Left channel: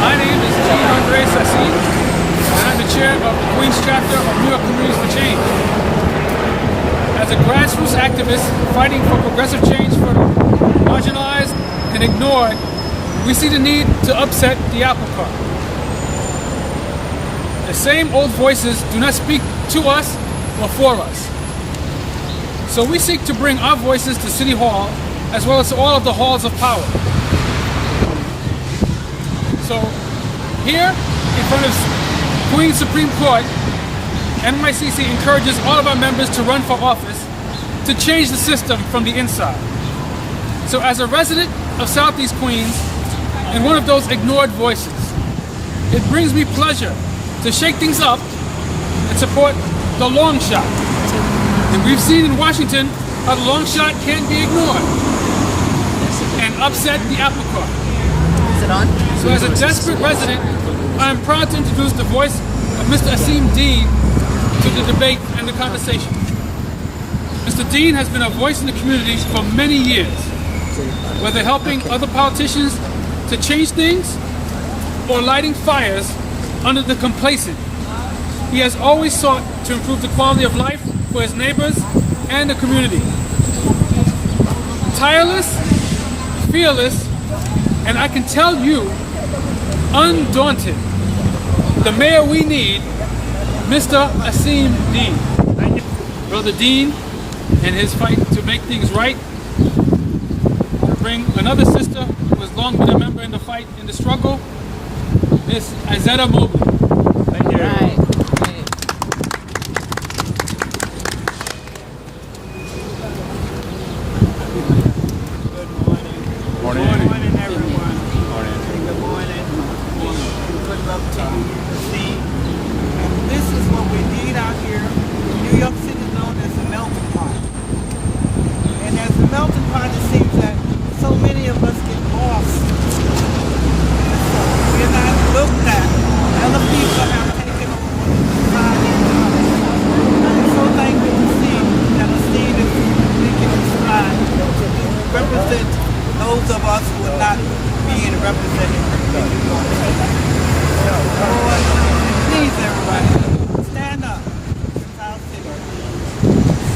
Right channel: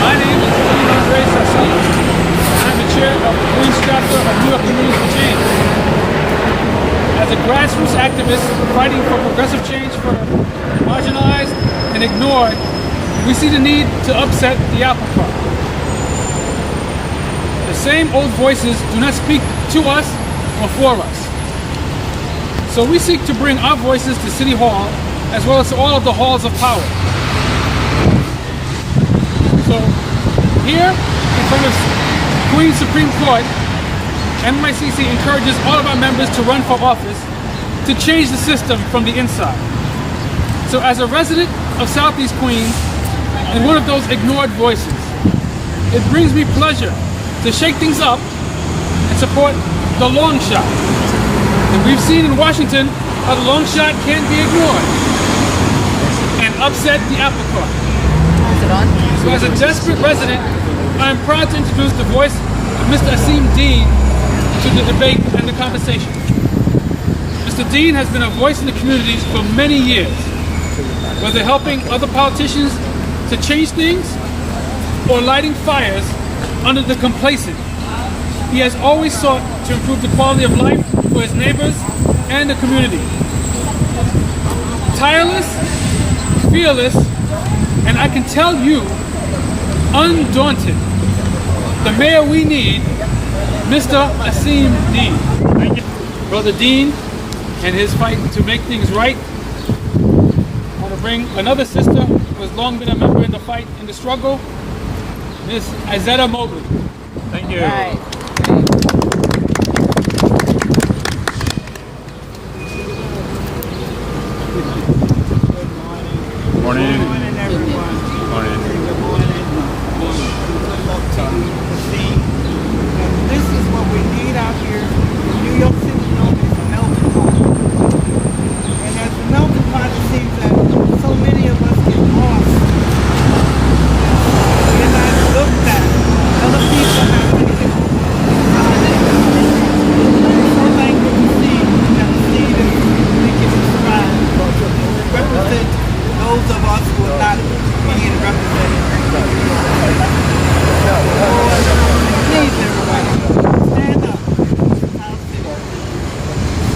My name is Asim, and I'm the chair of the Queens chapter of New York Communities for Change. As a grassroots activist fighting for progressive change for the marginalized and ignored, we see the need to upset the apple cart. The same old voices do not speak to us or for us. So we seek to bring our voices to City Hall as well as to all of the halls of power. So here in front of Queens Supreme Court, NYC encourages all of our members to run for office to change the system from the inside. So as a resident of Southeast Queens and one of those ignored voices, it brings me pleasure to shake things up and support the long shot. And we've seen in Washington how the long shot can't be ignored and upset the apple cart. So as a desperate resident, I am proud to introduce the voice of Mr. Asim Deen to the debate and the conversation. Mr. Deen has been a voice in the community for many years, whether helping other politicians to change things or lighting fires under the complacent. He has always sought to improve the quality of life for his neighbors and the community. Tireless, fearless, and I can tell you, undaunted. The mayor we need, Mr. Asim Deen. Thank you. Brother Deen and his fight to make things right. I want to bring another sister who has long been a member in the fight, in the struggle, Miss Azetta Mobley. Thank you. Right. Good morning, everyone. Good morning. Good luck to you. See, and this is what we need out here. New York City is known as a melting pot. And as the melting pot, it seems that so many of us get lost. We're not looked at. Other people have taken over the time in the house. And I'm so thankful to see that Steve is making his stride to represent those of us who are not being represented in New York City. Lord, please everybody, stand up. South City.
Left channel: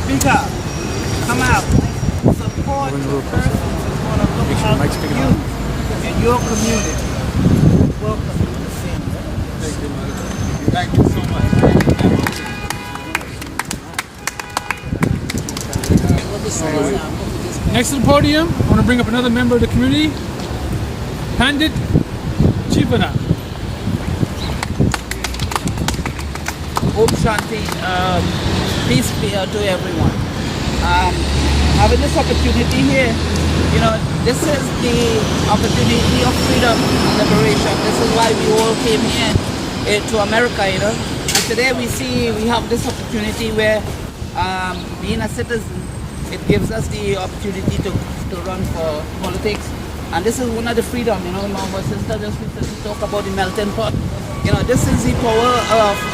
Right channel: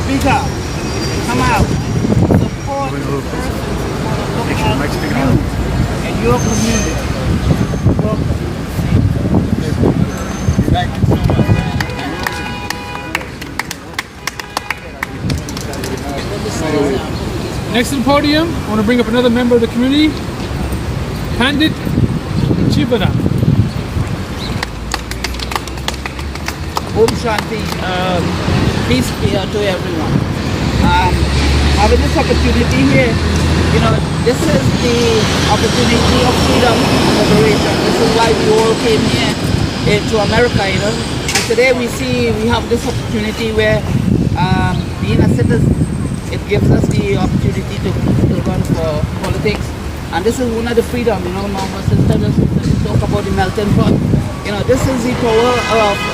Speak up. Come out. Support the person who's going to look out for you and your community. Welcome. Thank you so much. Next to the podium, I want to bring up another member of the community, Pandit Chivana. Om Shanti, peace be to everyone. Having this opportunity here, you know, this is the opportunity of freedom and liberation. This is why we all came here to America, you know. And today we have this opportunity where being a citizen, it gives us the opportunity to run for politics. And this is one of the freedom, you know, my sister just talk about the melting pot. You know, this is the power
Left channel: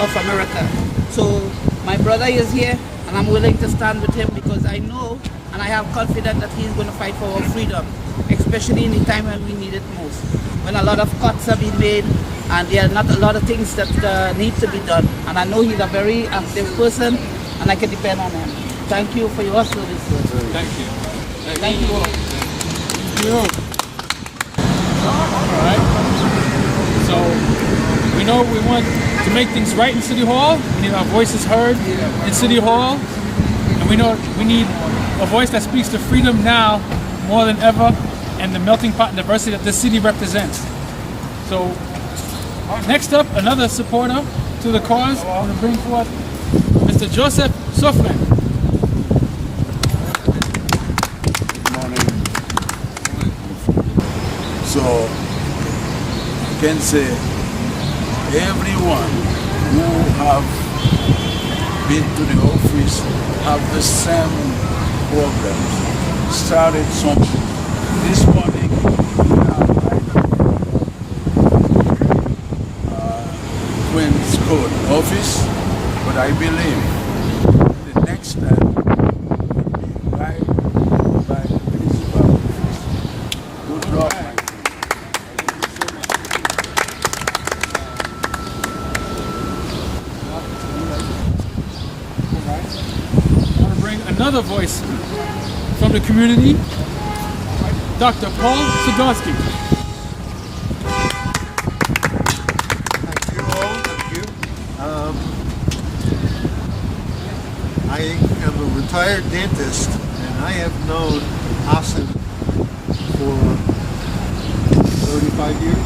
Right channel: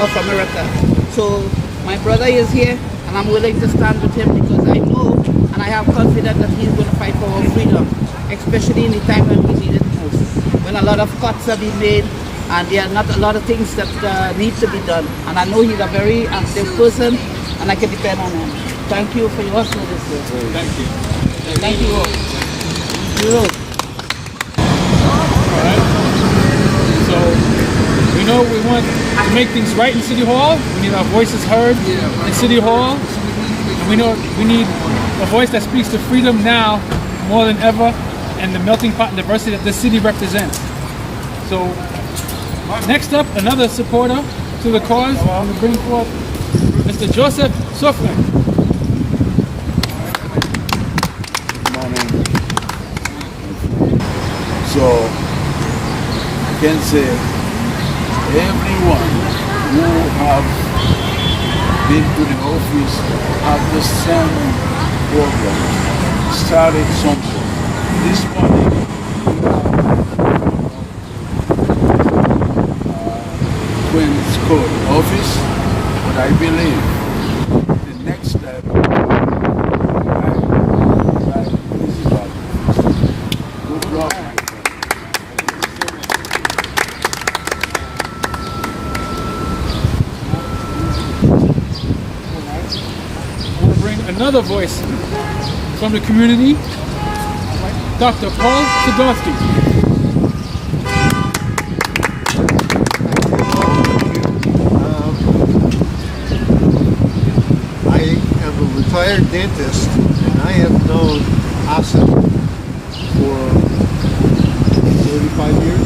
of America. So my brother is here, and I'm willing to stand with him because I know and I have confidence that he's going to fight for our freedom, especially in the time when we need it most. When a lot of cuts are being made and there are not a lot of things that need to be done. And I know he's a very active person and I can depend on him. Thank you for your service. Thank you. Thank you all. Thank you all. All right. So we know we want to make things right in City Hall. We need our voices heard in City Hall. And we know we need a voice that speaks to freedom now more than ever and the melting pot and diversity that this city represents. So next up, another supporter to the cause. I want to bring forth Mr. Joseph Sofran. So I can say everyone who have been to the office have the same problem. Started something. This morning, Queen's Court office, but I believe the next step, Good luck, my friend. another voice from the community, Dr. Paul Sadowski. I am a retired dentist, and I have known Asim for 35 years.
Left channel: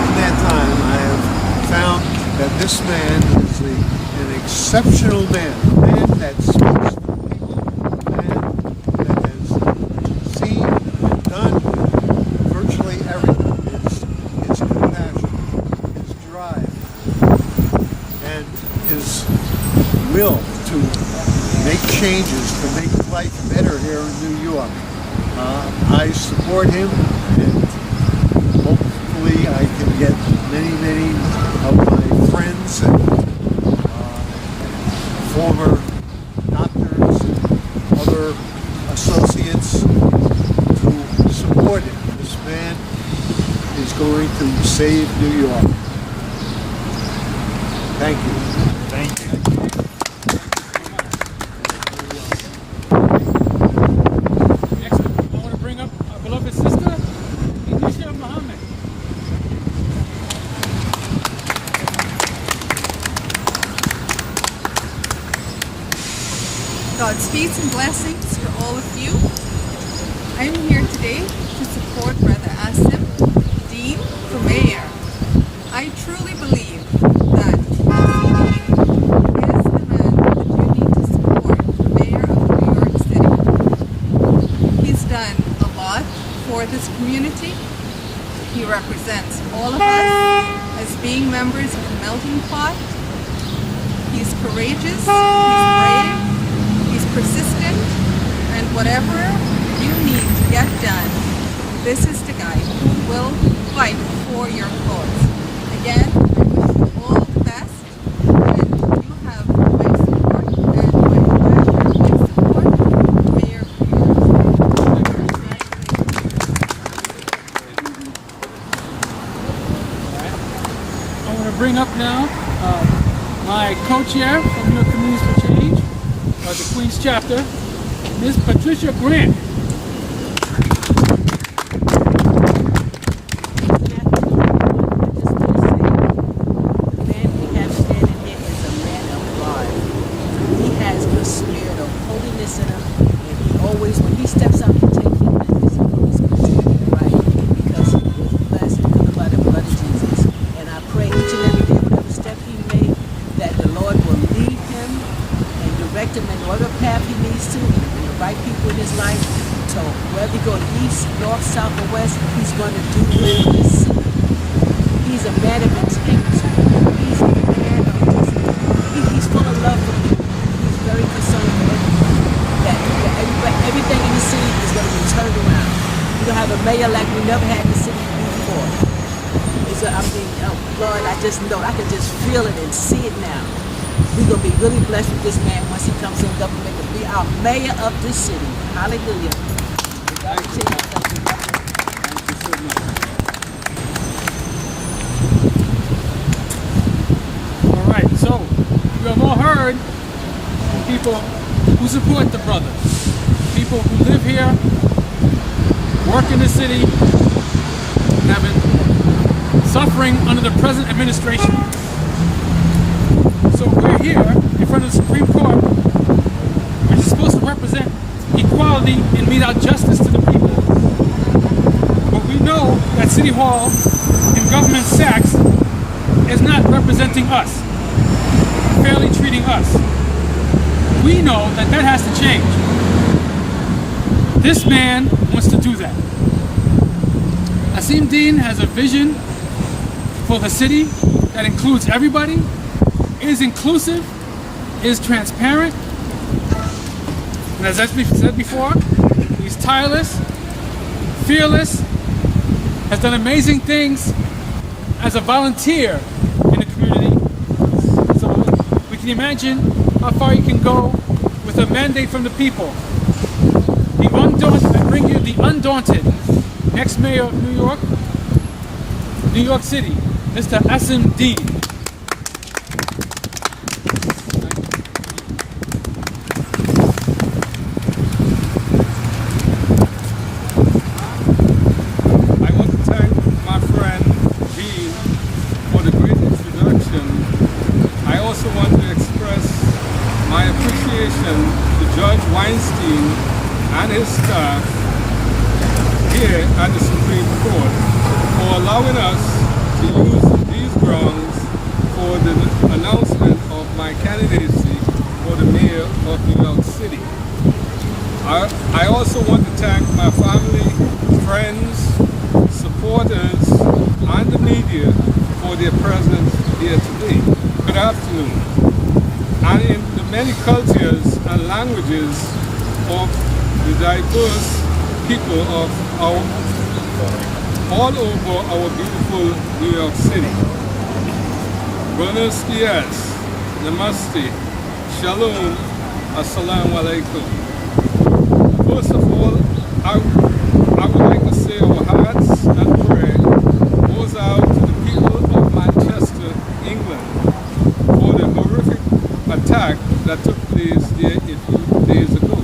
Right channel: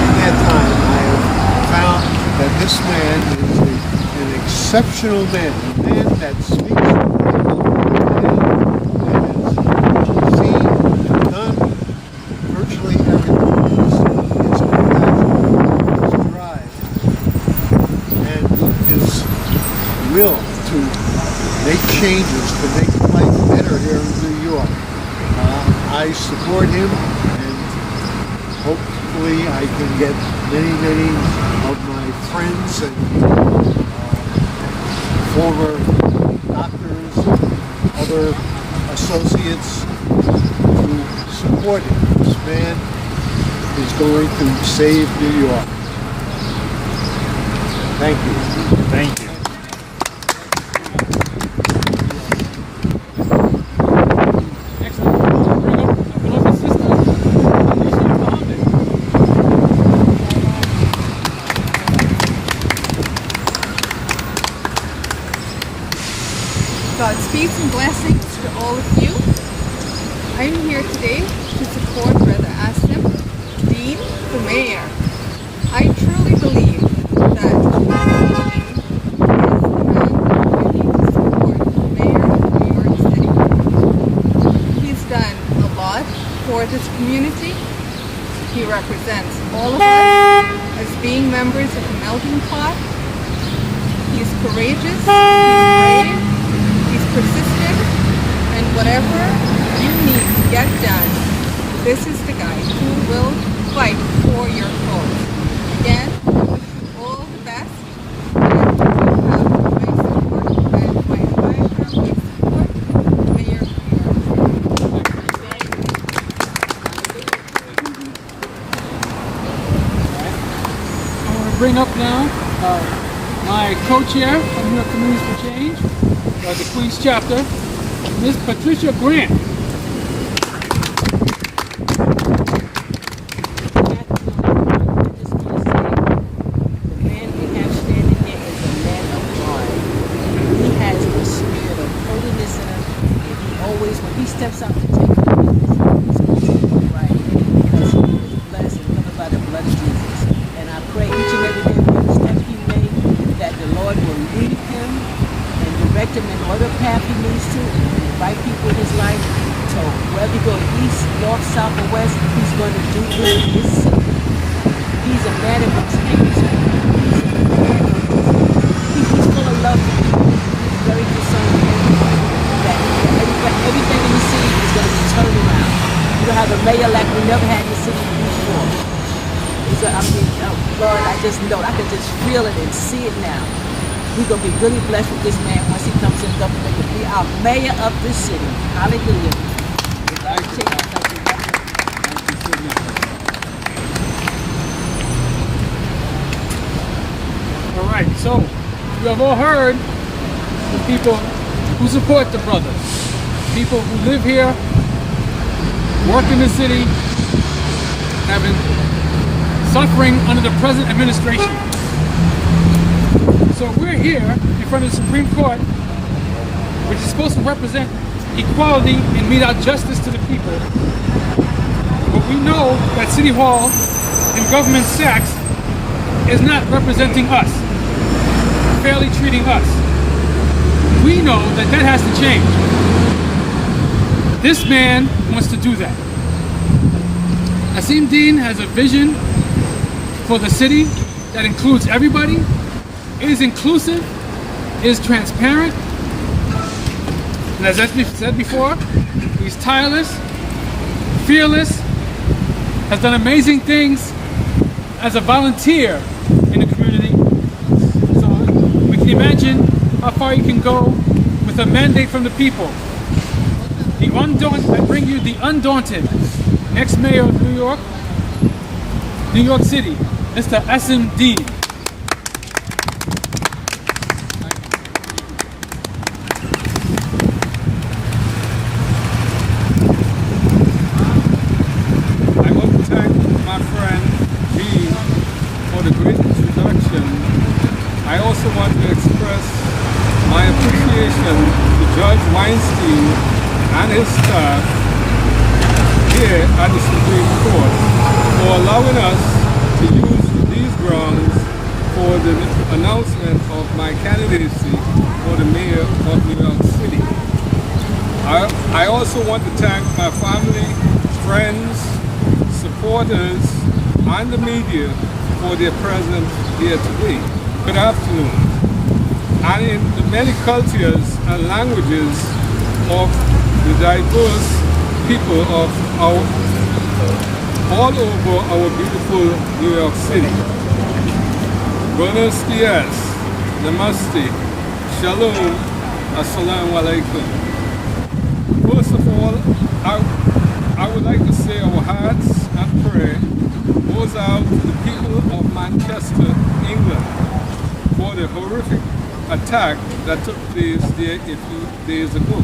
In that time, I have found that this man is an exceptional man, a man that speaks to people, a man that has seen and done virtually everything. His compassion, his drive, and his will to make changes, to make life better here in New York. I support him, and hopefully I can get many of my friends and former doctors and other associates to support him. This man is going to save New York. Thank you. Thank you. Next, we'll bring up our beloved sister, Alicia Muhammad. God's peace and blessings to all of you. I am here today to support Brother Asim Deen for mayor. I truly believe that Asim Deen is the man we need to support, the mayor of New York City. He's done a lot for this community. He represents all of us as being members of the melting pot. He's courageous, he's brave, he's persistent, and whatever you need to get done, this is the guy who will fight for your cause. Again, I wish you all the best, and you have my support and my unwavering support, Mayor of New York I want to bring up now my co-chair from New York Communities for Change, the Queens chapter, Ms. Patricia Grant. The man we have standing here is a man of God. He has the spirit of holiness in him, and he always, when he steps out to take the business, he's going to do it right because he is blessed and covered by the blood of Jesus. And I pray each and every day, whatever step he makes, that the Lord will lead him and direct him in whatever path he needs to, and the right people in his life. So wherever he goes, east, north, south, or west, he's going to do good in his city. He's a man of integrity. He's a man of he's full of love for people. He's very concerned with everyone. That everything in the city is going to be turned around. You're going to have a mayor like we never had in the city before. Lord, I just know, I can just feel it and see it now. We're going to be really blessed with this man once he comes in government to be our mayor of this city. Hallelujah. All right, so you have all heard from people who support the brother, people who live here, work in the city, suffering under the present administration. So we're here in front of the Supreme Court, which is supposed to represent equality and mete out justice to the people. But we know that City Hall and Government Sachs is not representing us, fairly treating us. We know that that has to change. This man wants to do that. Asim Deen has a vision for the city that includes everybody, is inclusive, is transparent, and as I said before, he's tireless, fearless, has done amazing things as a volunteer in the community. So we can imagine how far you can go with a mandate from the people. The undaunted, I bring you the undaunted next mayor of New York City, Mr. Asim Deen. appreciation to Judge Weinstein and his staff here at the Supreme Court for allowing us to use these grounds for the announcement of my candidacy for the mayor of New York City. I also want to thank my family, friends, supporters, and the media for their presence here today. Good afternoon. And in the many cultures and languages of the diverse people of all over our beautiful New York City. Buenos dias, namaste, shalom, assalamu alaikum. First of all, I would like to say our hearts and prayer goes out to the people of Manchester, England, for the horrific attack that took place there a few days ago,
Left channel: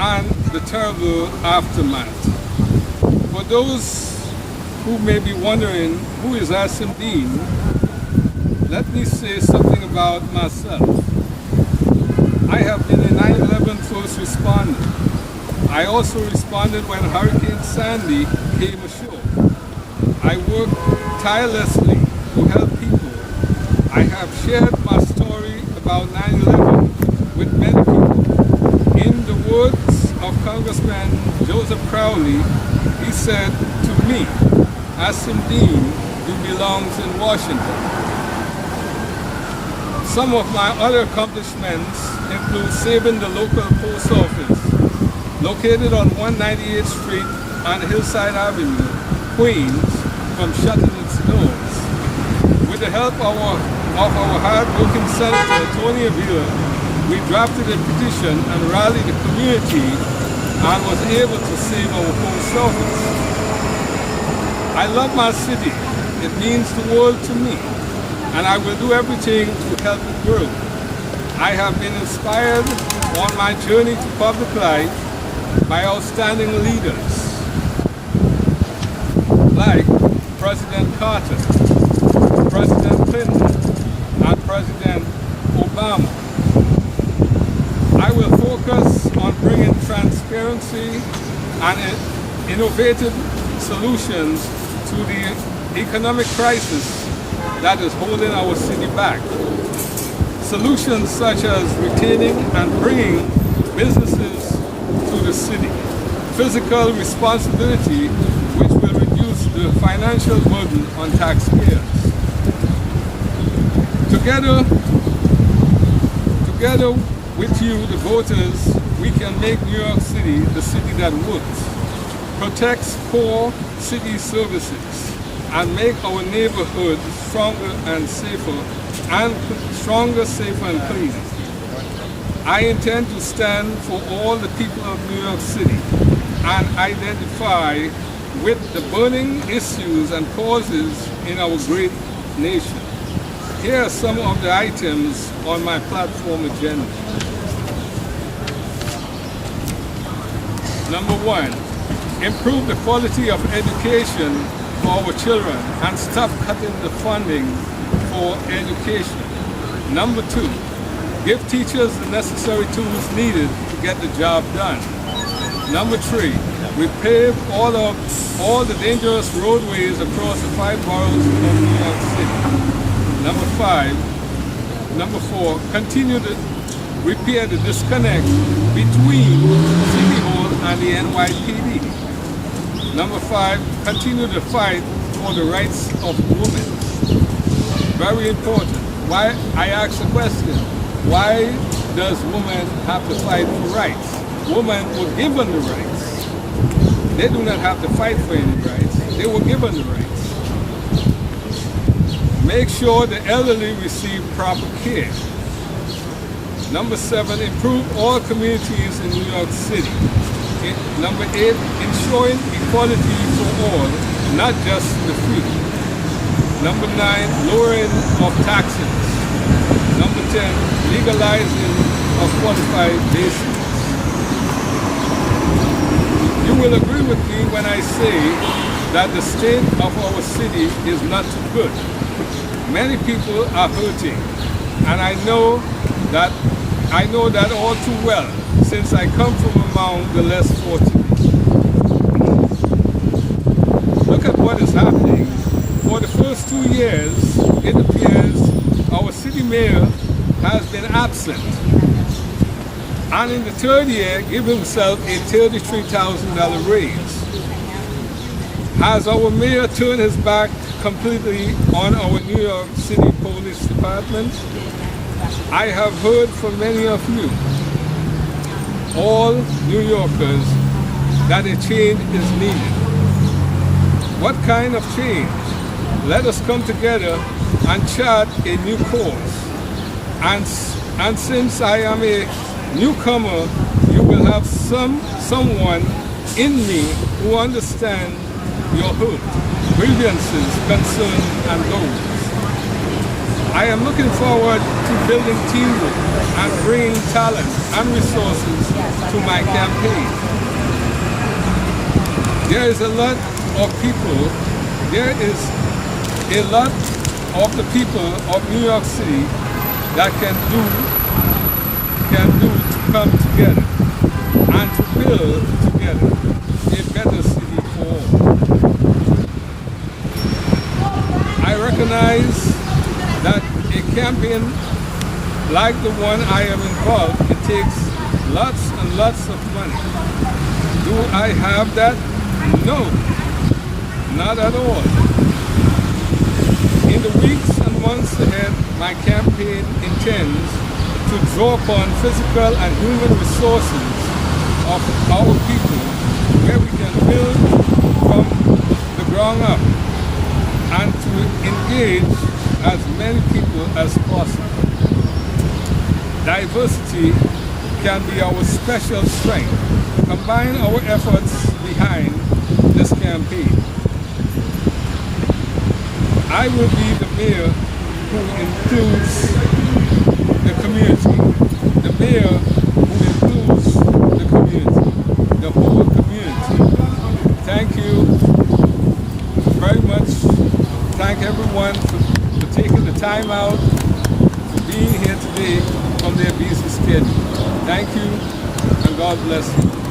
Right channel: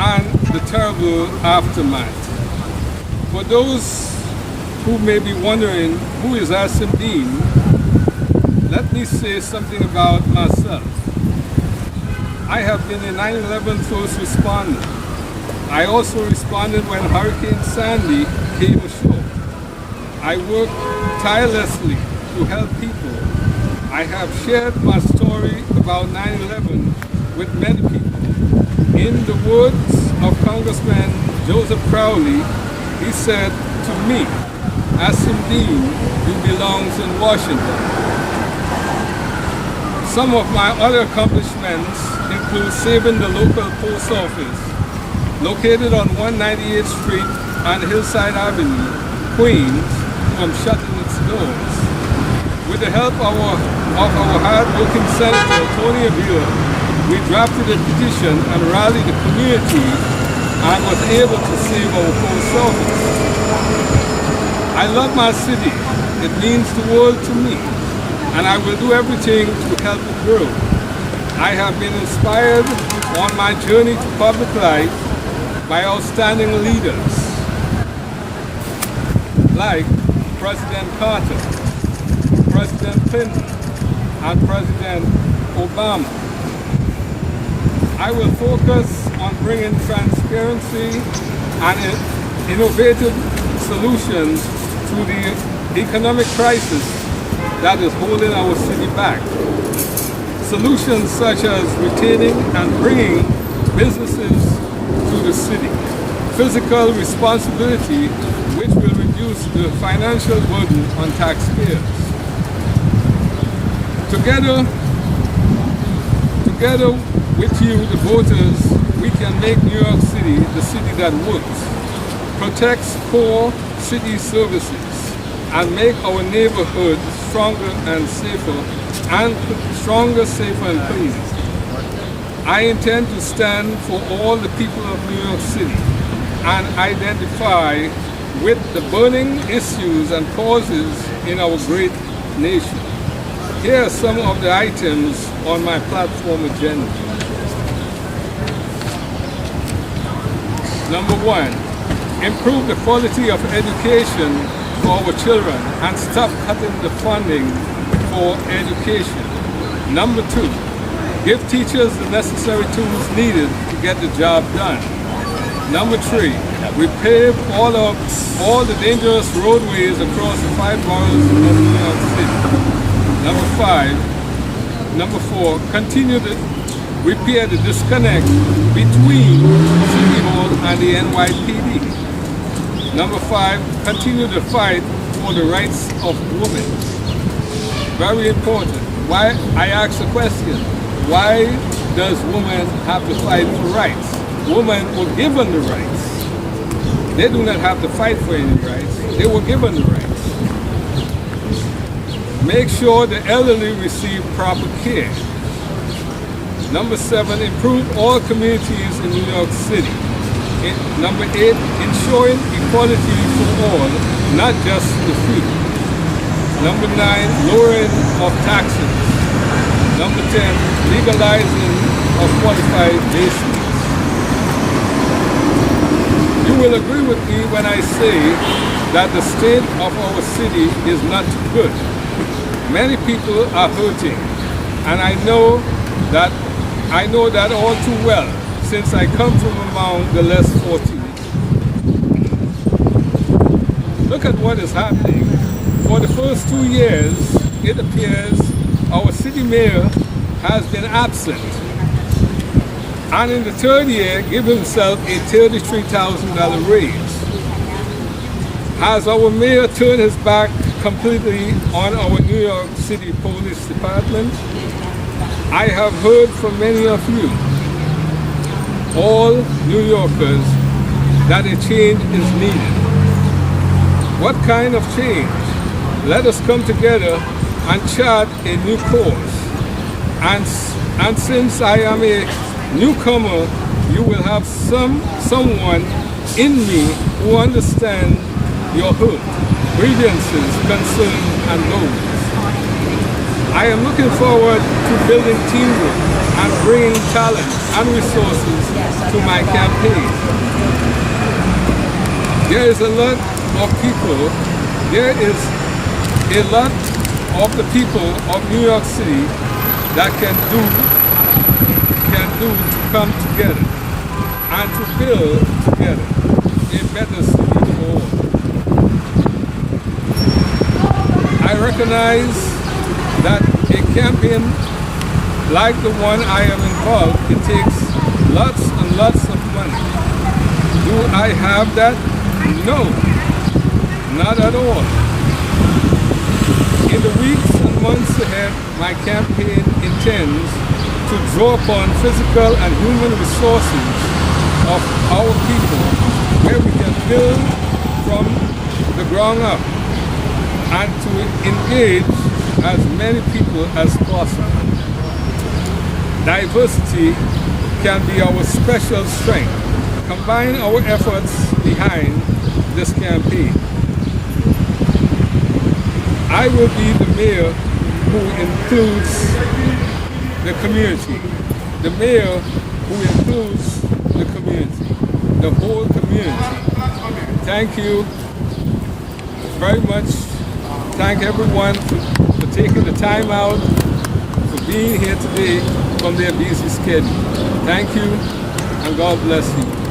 and the terrible aftermath. For those who may be wondering who is Asim Deen, let me say something about myself. I have been a 9/11 first responder. I also responded when Hurricane Sandy came ashore. I worked tirelessly to help people. I have shared my story about 9/11 with many people. In the words of Congressman Joseph Crowley, he said to me, Asim Deen, you belongs in Washington. Some of my other accomplishments include saving the local post office, located on 198th Street and Hillside Avenue, Queens, from shutting its doors. With the help of our hard-working Senator Tony Avila, we drafted a petition and rallied the community and was able to save our post office. I love my city. It means the world to me, and I will do everything to help it grow. I have been inspired on my journey to public life by outstanding leaders like President Carter, President Clinton, and President Obama. I will focus on bringing transparency and innovative solutions to the economic crisis that is holding our city back. Solutions such as retaining and bringing businesses to the city, fiscal responsibility which will reduce the financial burden on taxpayers. Together with you, the voters, we can make New York City the city that works, protects core city services, and make our neighborhoods stronger, safer, and cleaner. I intend to stand for all the people of New York City and identify with the burning issues and causes in our great nation. Here are some of the items on my platform agenda. Number one, improve the quality of education for our children and stop cutting the funding for education. Number two, give teachers the necessary tools needed to get the job done. Number three, repave all the dangerous roadways across the 5 boroughs of New York City. Number four, continue to repair the disconnect between City Hall and the NYPD. Number five, continue the fight for the rights of women. Very important. Why, I ask the question, why does women have to fight for rights? Women were given the rights. They do not have to fight for any rights. They were given the rights. Make sure the elderly receive proper care. Number seven, improve all communities in New York City. Number eight, ensuring equality for all, not just the few. Number nine, lowering of taxes. Number 10, legalizing of qualified basements. You will agree with me when I say that the state of our city is not good. Many people are hurting, and I know that I know that all too well, since I come from among the less fortunate. Look at what is happening. For the first 2 years, it appears our city mayor has been absent. And in the third year, give himself a $33,000 raise. Has our mayor turned his back completely on our New York City Police Department? I have heard from many of you, all New Yorkers, that a change is needed. What kind of change? Let us come together and chart a new course. And since I am a newcomer, you will have someone in me who understands your hurt, grievances, concerns, and goals. I am looking forward to building teamwork and bringing talent and resources to my campaign. There is a lot of people, there is a lot of the people of New York City that can do to come together and to build together a better city for all. I recognize that a campaign like the one I am involved, it takes lots and lots of money. Do I have that? No, not at all. In the weeks and months ahead, my campaign intends to draw upon physical and human resources of our people where we can build from the ground up and to engage as many people as possible. Diversity can be our special strength. Combine our efforts behind this campaign. I will be the mayor who includes the community, the mayor who includes the community, the whole community. Thank you very much. Thank everyone for taking the time out, for being here today from their busy schedule. Thank you, and God bless you.